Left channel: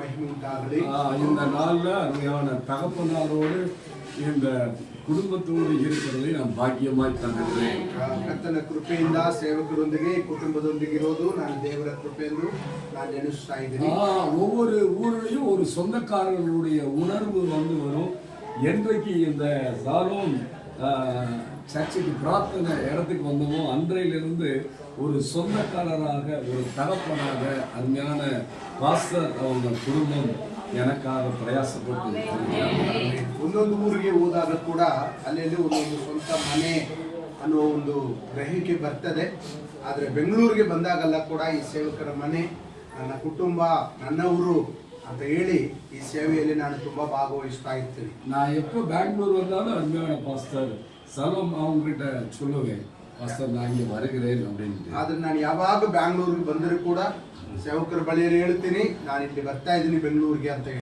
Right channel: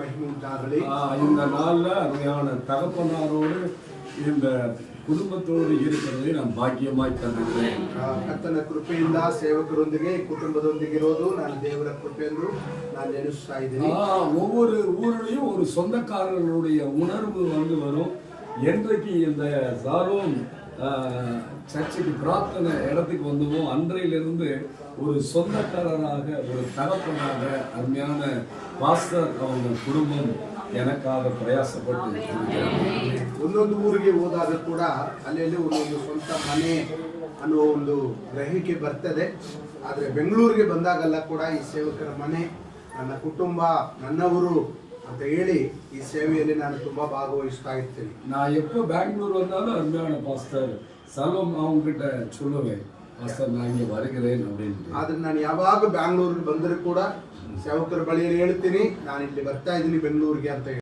மகிமை உண்டாகಲಿ. இந்த நாளில் அருமையான தகப்பனாரோடு இந்த குடும்பத்தோடு இருக்கிறதை நான் பாக்கியமாய் தந்துக்கிறேன். ಕರ್ತನ ಕೃಪೆಯಿಂದ ಸೇವಕರೊಂದಿಗೆ ಕುಟುಂಬದೊಂದಿಗಿರೋದು ನಾನು ದೇವರ ಕೃಪೆ ಎಂದು ನಾನು ನೆನೆಸ್ತಾ ಇದ್ದೀನಿ. ஒவ்வொரு ஊர்லயும் ஒரு சொந்தக்காரர்களுடைய உணர்வு வரும். என்றைக்கு இந்த சாலோம் சர்ச்சுக்கு பிரார்த்தனை இடத்துக்கு வந்தோமோ அன்றையிலிருந்து ஒரு சொந்தக்காரராக ஒரு தகப்பனாக அருமையான பாஸ்டர் அவங்க குடும்பம் எனக்காக பிரயாசப்பட்டு ಒಂದೊಂದು ಊರಿಗೆ ಹೋದಾಗ ಕೂಡ ಅಲ್ಲಿ ಒಂದೊಂದು ಸ್ವಂತ ಮನೆ ಅನ್ನೋ ಒಂದು ಗ್ರಹಿಕೆ ಬರ್ತದೆ. ಆದರೆ ಬೆಂಗಳೂರಿಗೆ ಬಂದಾಗಲ್ಲ ಕೂಡ ಈ ಸೇವಕರ ಮನೆ ನನ್ನ ಕುಟುಂಬ ನನ್ನವರು ಅಂತ ಹೇಳಿ ಈ ಸೇವೆಯಲ್ಲಿ ನಾನು ತುಂಬಾ ಭಾಗವಹಿಸ್ತಾ ಇರ್ತೀನಿ. நான் எப்போ பெங்களூர் வந்தாலும் அருமையான பாஸ்டர் சலோம் அவங்க கிட்ட சொல்லுவேன், பாஸ்டர் நான் இங்கே வருகிறேன் அப்படின்ட்டு. ಆದ್ರೆ ನಾನು ಯಾವಾಗ ಬ್ಯಾಂಗ್ಳೂರಿಗೆ ಬಂದರೂ ಕೂಡ ಸೇವಕರ ಬಳಿಯಲ್ಲಿ ಹೇಳ್ತೀನಿ ನಾನು ಇಲ್ಲಿ ಬರ್ತಾ ಇದ್ದೀನಿ ಬೆಂಗಳೂರಿಗೆ ಅಂತ ಹೇಳಿ.